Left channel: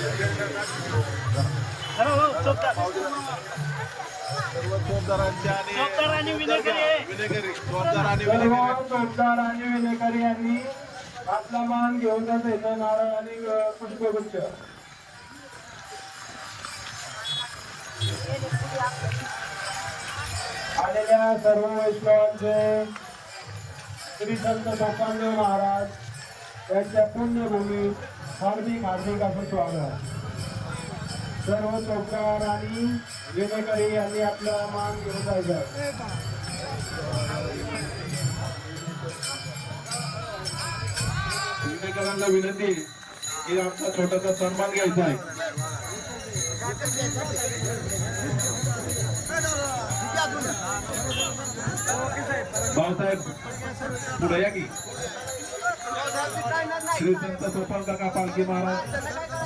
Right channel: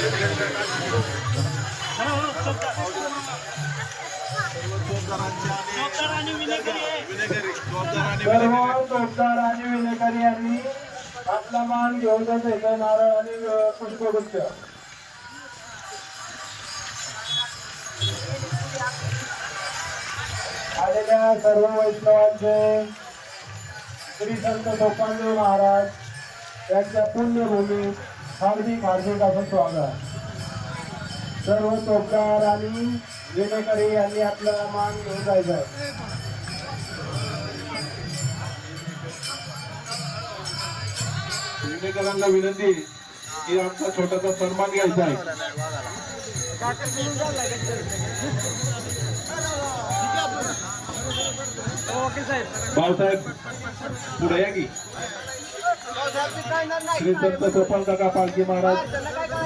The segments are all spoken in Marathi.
विनेकरी यांनी आपला मान घेऊन जातो नारळ आणि पुष्पगुच्छ आलेल्या सर्व वैष्णवांचे श्री संत गोपालदेव महाराज यांच्या पुण्यभूमी हार्दिक हार्दिक असं स्वागत. सर्व चौकार आणि विनेकरी यांनी आपला मान घेऊन जायचं. विनेकरांना विनंती की आमचा छोटासा सन्मान घ्यायचा आहे. भाऊसाहेब पुढे या की. श्री संत सोपान काका पालखी महाराज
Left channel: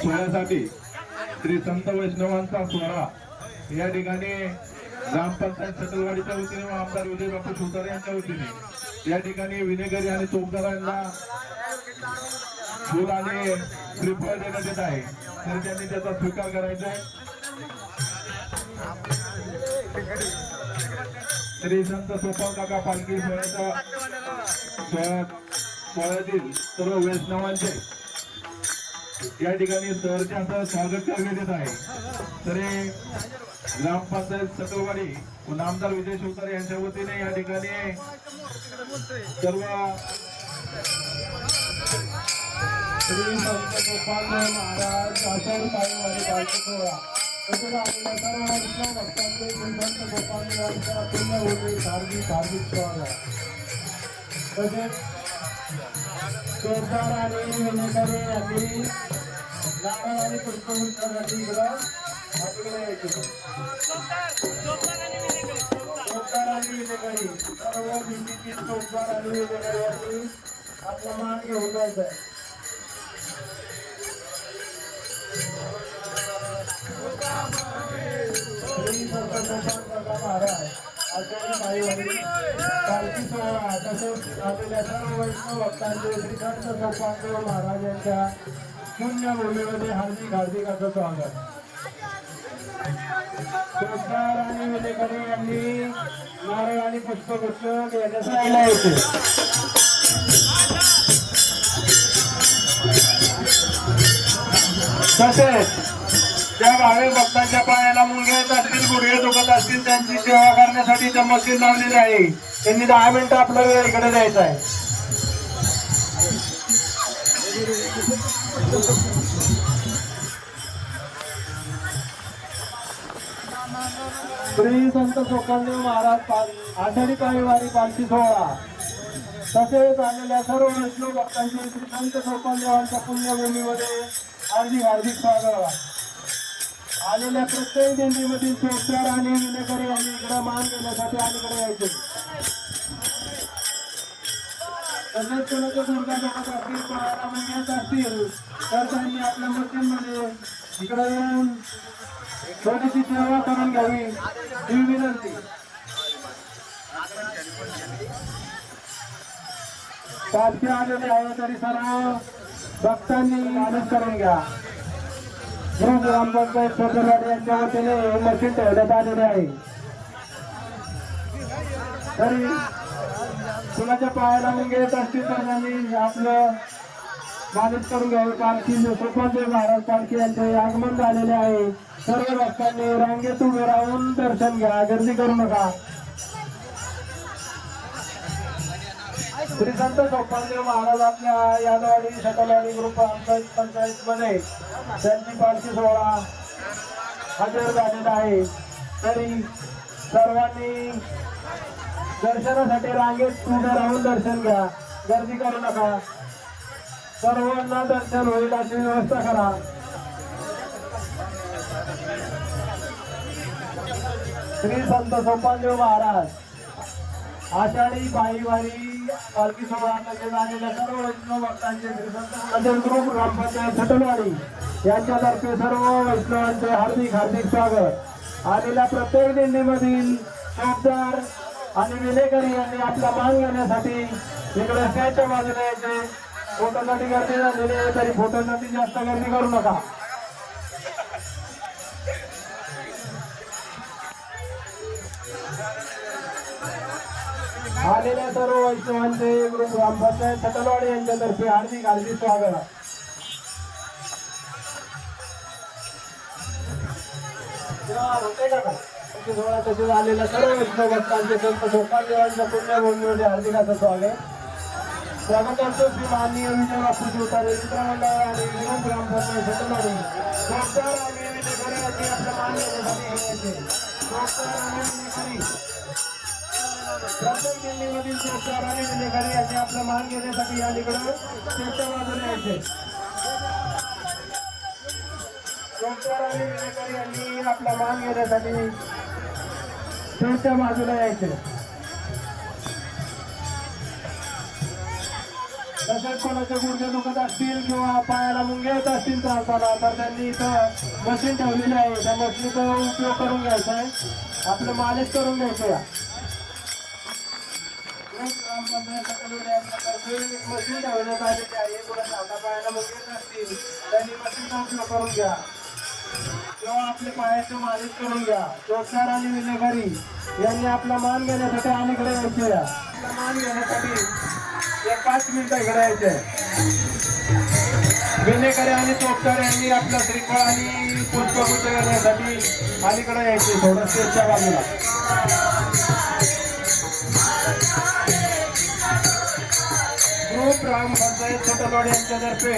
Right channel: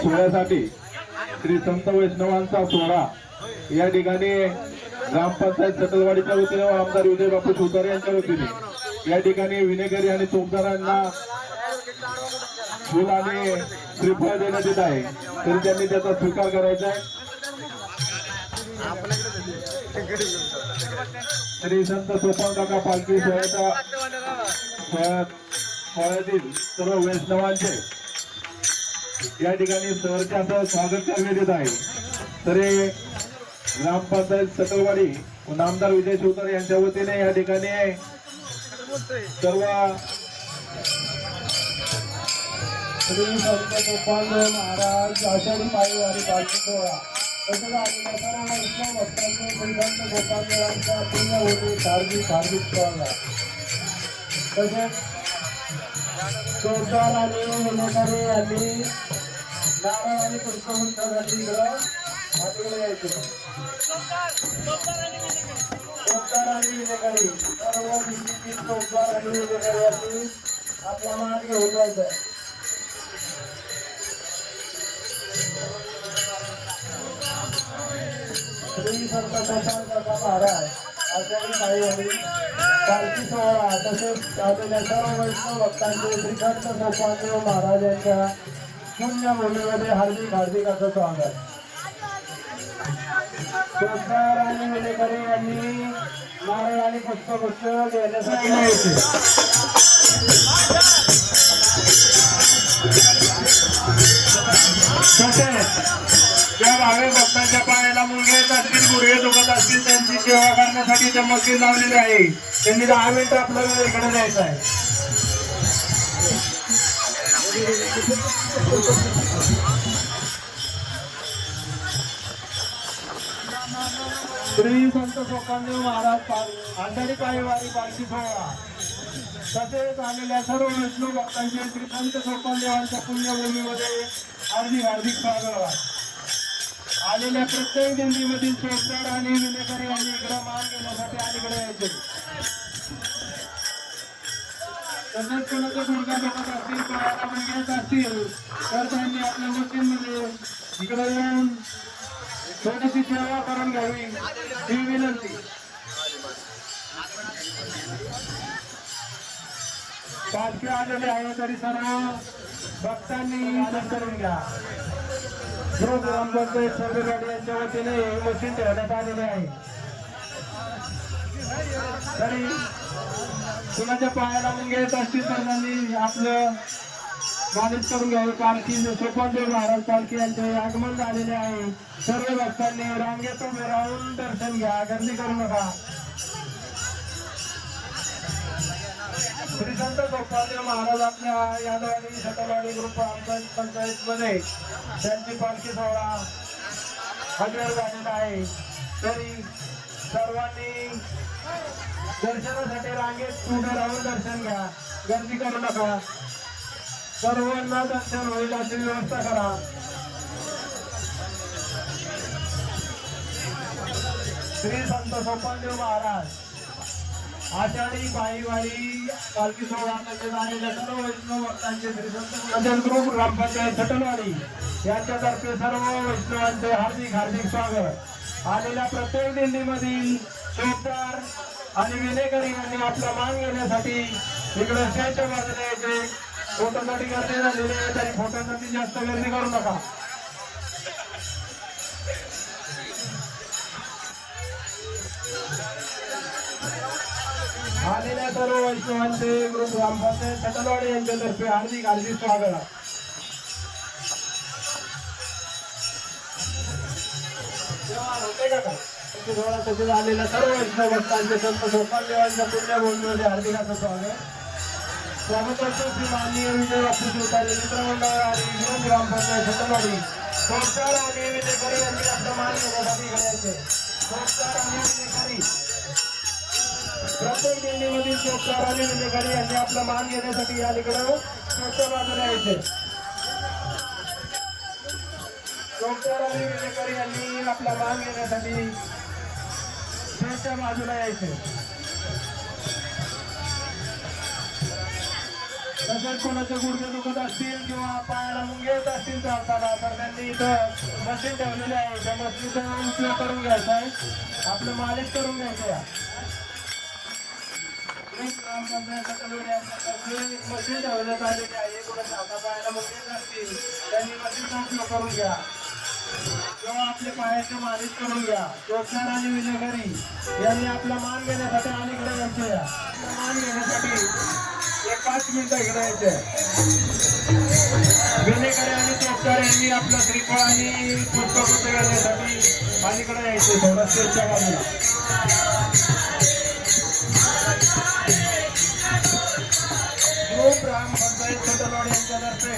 सोहळ्यासाठी श्री संत वैष्णवांचा सोहळा या ठिकाणी ग्रामपंचायत सटलवाडीच्या वतीने व आमदार विजय बापू शिवतारे यांच्या वतीने या ठिकाणी विनेकरी आणि चौकदारांना फुल आणि श्रीफळ देण्यात येत आहे. तरी त्यांनी त्याचा स्वीकार करायचा आहे. श्री संत सोपान काका पालखी सोहळ्यातील सर्व वैष्णवांचे या ठिकाणी सहर्षासह स्वागत करण्यात येत आहे. तर ग्रामपंचायत सटलवाडी व आमदार विजय शिवतारे यांच्या वतीने या ठिकाणी सर्व श्री संत गोपालदेव महाराज आषाढी पायवारी पालखी सोहळा तसंच आलेल्या सर्व वैष्णव भक्तांचे श्री संत गोपालदेवांच्या पुण्यभूमी हार्दिक हार्दिक स्वागत. तसेच चौकार आणि विनेकरी यांनी नारळ आणि पुष्पगुच्छासाठी इकडं बाजूला जायचे. चौकार आणि विनेकरी सर्व दिंडीतील चौकार आणि विनेकरी यांनी आपला मान घेऊन जायचा आहे. श्री संत गोपाल काका महाराज आचार्य साहेबांनी पालखी सोहळा तसेच आलेल्या सर्व वैष्णव भक्तांचे श्री संत गोपालदेव महाराज यांच्या पुण्यभूमीमध्ये हार्दिक हार्दिक असं स्वागत. चौकार आणि विनेकरी यांनी नारळ आणि पुष्पगुच्छ देण्यासाठी यायचे. तसेच ज्या भाविक भक्तांच्या पायाला मुलगे असतील गुडघे दुखत असतील त्यांची सेवा करण्यासाठी चमकशीर लावलेली आहे. त्यांनी 10 मिनिटं आपलं वेळ इकडे द्यायचं आहे. श्री संत गोपालदेव महाराज आषाढी पायवारी पालखी सोहळा तसेच आलेल्या सर्व वैष्णव भक्तांचे श्री संत गोपालदेवांच्या पुण्यभूमीमध्ये हार्दिक हार्दिक स्वागत. आलेल्या प्रत्येक दिंडीमधील चौकार आणि विनेकरी यांनी इकडे मान घेण्यासाठी अलीकडे यायचे. तसेच कोणाचे गुडघा दुखत असतील पायाला मुंग्यात असतील तर त्यांनी आपल्या मशीनमध्ये इकडे येऊन छोटीशी सेवा करून घ्यावी ही विनंती. पालखी आलेले आहे तरी सर्व भक्तांनी मदत करून घ्या. ग्रामपंचायत सटलवाडी यांच्या वतीने मशीन ठेवण्यात आलेले आहे. तरी कुणाच्या पायाला मुंगे येत असतील तर त्यांनी आपलं मदत करून घ्यावी. पालखी गोपालदेव महाराज पालखी यांचे आगमन झालेले आहे. सर्व भक्तांनी रांगेत उभे राहून दर्शन घ्या, गर्दी करू नका. श्री संत गोपालदेव महाराज आपल्या यादवाडी सटलवाडी ग्रुप पंचायतमध्ये त्यांची पालखी सोहळा हजर झालेला आहे. तरी सर्वांनी दर्शनासाठी रांगेत उभे राहून दर्शन घ्या, गर्दी करू नका. सर्वांना दर्शन होईल अशी व्यवस्था करा. श्री संत गोपालदेव महाराज आषाढी पायवारी पालखी सोहळ्यामध्ये झालेल्या सर्व वैष्णव भक्तांचे श्री संत ग्रुप ग्रामपंचायत सटलवाडी यांच्यातर्फे सर्व वैष्णवांचे हार्दिक हार्दिक स्वागत. आलेल्या प्रत्येक दिंडीमधील चौकदार आणि विनेकरी यांनी आपला मान घेण्यासाठी इकडे स्टँडच्या बाजूला यायचे. फोटोसाठी गर्दी झालेली आहे तरी फोटोसाठी जास्त गर्दी करू नका. कृष्णवंते ग्रुप ग्रामपंचायत सटलवाडी यांच्यातर्फे हार्दिक हार्दिक स्वागत. तसे झालेल्या सर्व वैष्णव भक्तांचे संत सोपानदेवांच्या पुण्यभूमीमध्ये हार्दिक असं स्वागत. स्वागतार्थ श्री माननीय विजय बापू शिवतारे मित्रमंडळ आणि ग्रुप ग्रामपंचायत सटलवाडी संस्कार आणि विनेकरी यांनी आपला मान घेण्यासाठी इकडे यायचे. संस्कार आणि विनेकरी प्रत्येक दिंडीमधील संस्कार आणि विनेकरी यांनी आपला मान घेण्यासाठी या ठिकाणी स्वच्छ बाजूला यायचे. संस्कार आणि विनेकरी यांनी आपला मान घेण्यासाठी स्वच्छ बाजूला यायचे. तसेच कोणाचे गुडघे दुखत असतील किंवा पायाला मुंगे येत असतील चालताना तर त्यांनी इथं मशीन ठेवलेली आहे. त्या मशीनचा उपयोग करून घ्यायचा आहे. आपलं मालिश करून घ्यायचं. मशीन ठेवण्यात आलेली आहे. कोणाच्या हातापायाला मुंगे येत असतील त्यांनी मशीनचा उपयोग करून घ्या किंवा आपले पायाचे मालिश करून घ्या. संस्कार आणि विनेकरी यांनी आपला मान घेण्यासाठी अलीकडे यायचे. मान घेण्यासाठी 5 मिनिटं इकडे यायचे. विनेकरी आणि संस्कार यांनी आपला श्रीफळ आणि पुष्पगुच्छ घेण्यासाठी अलीकडे यायचे. थोडं स्टेजच्या बाजूला ग्रुप ग्रामपंचायत सटलवाडी यांच्यातर्फे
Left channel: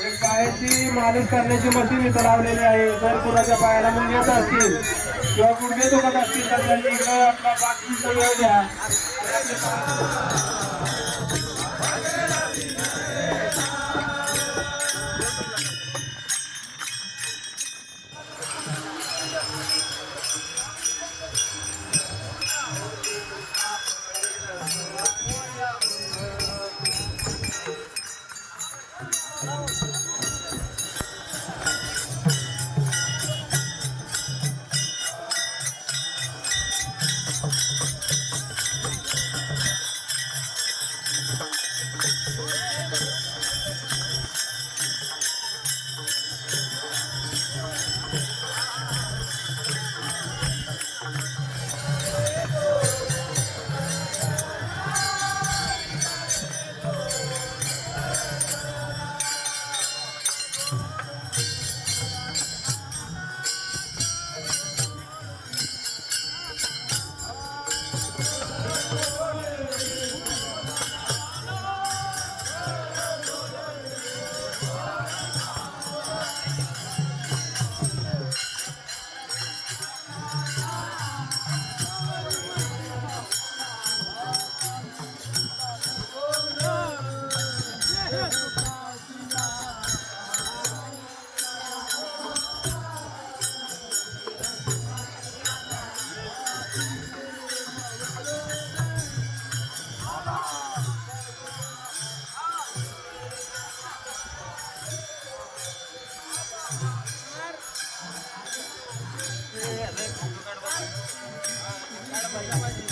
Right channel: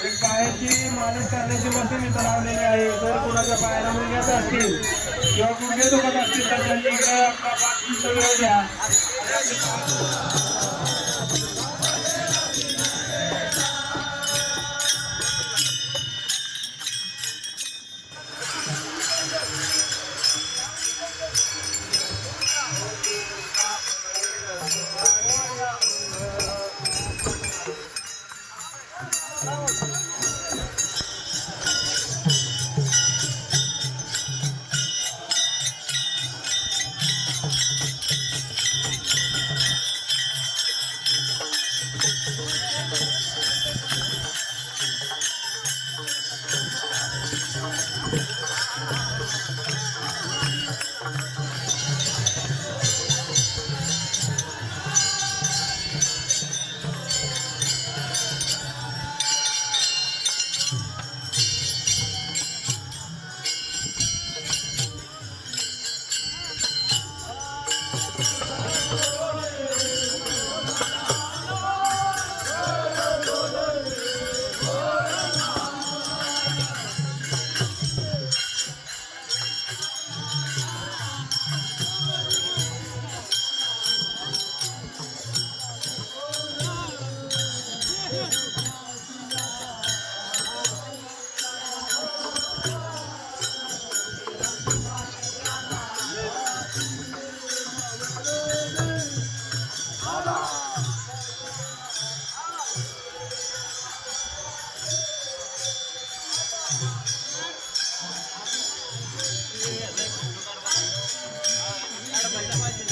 एक पायाची मालिश करण्याची मशीन इथं लावलेली आहे. जर कुणाच्या पायाला मुंगे येत असतील किंवा गुडघे दुखत असतील तर त्यांनी इकडे आपला 5 मिनिटं वेळ द्या. काढ पाहिजे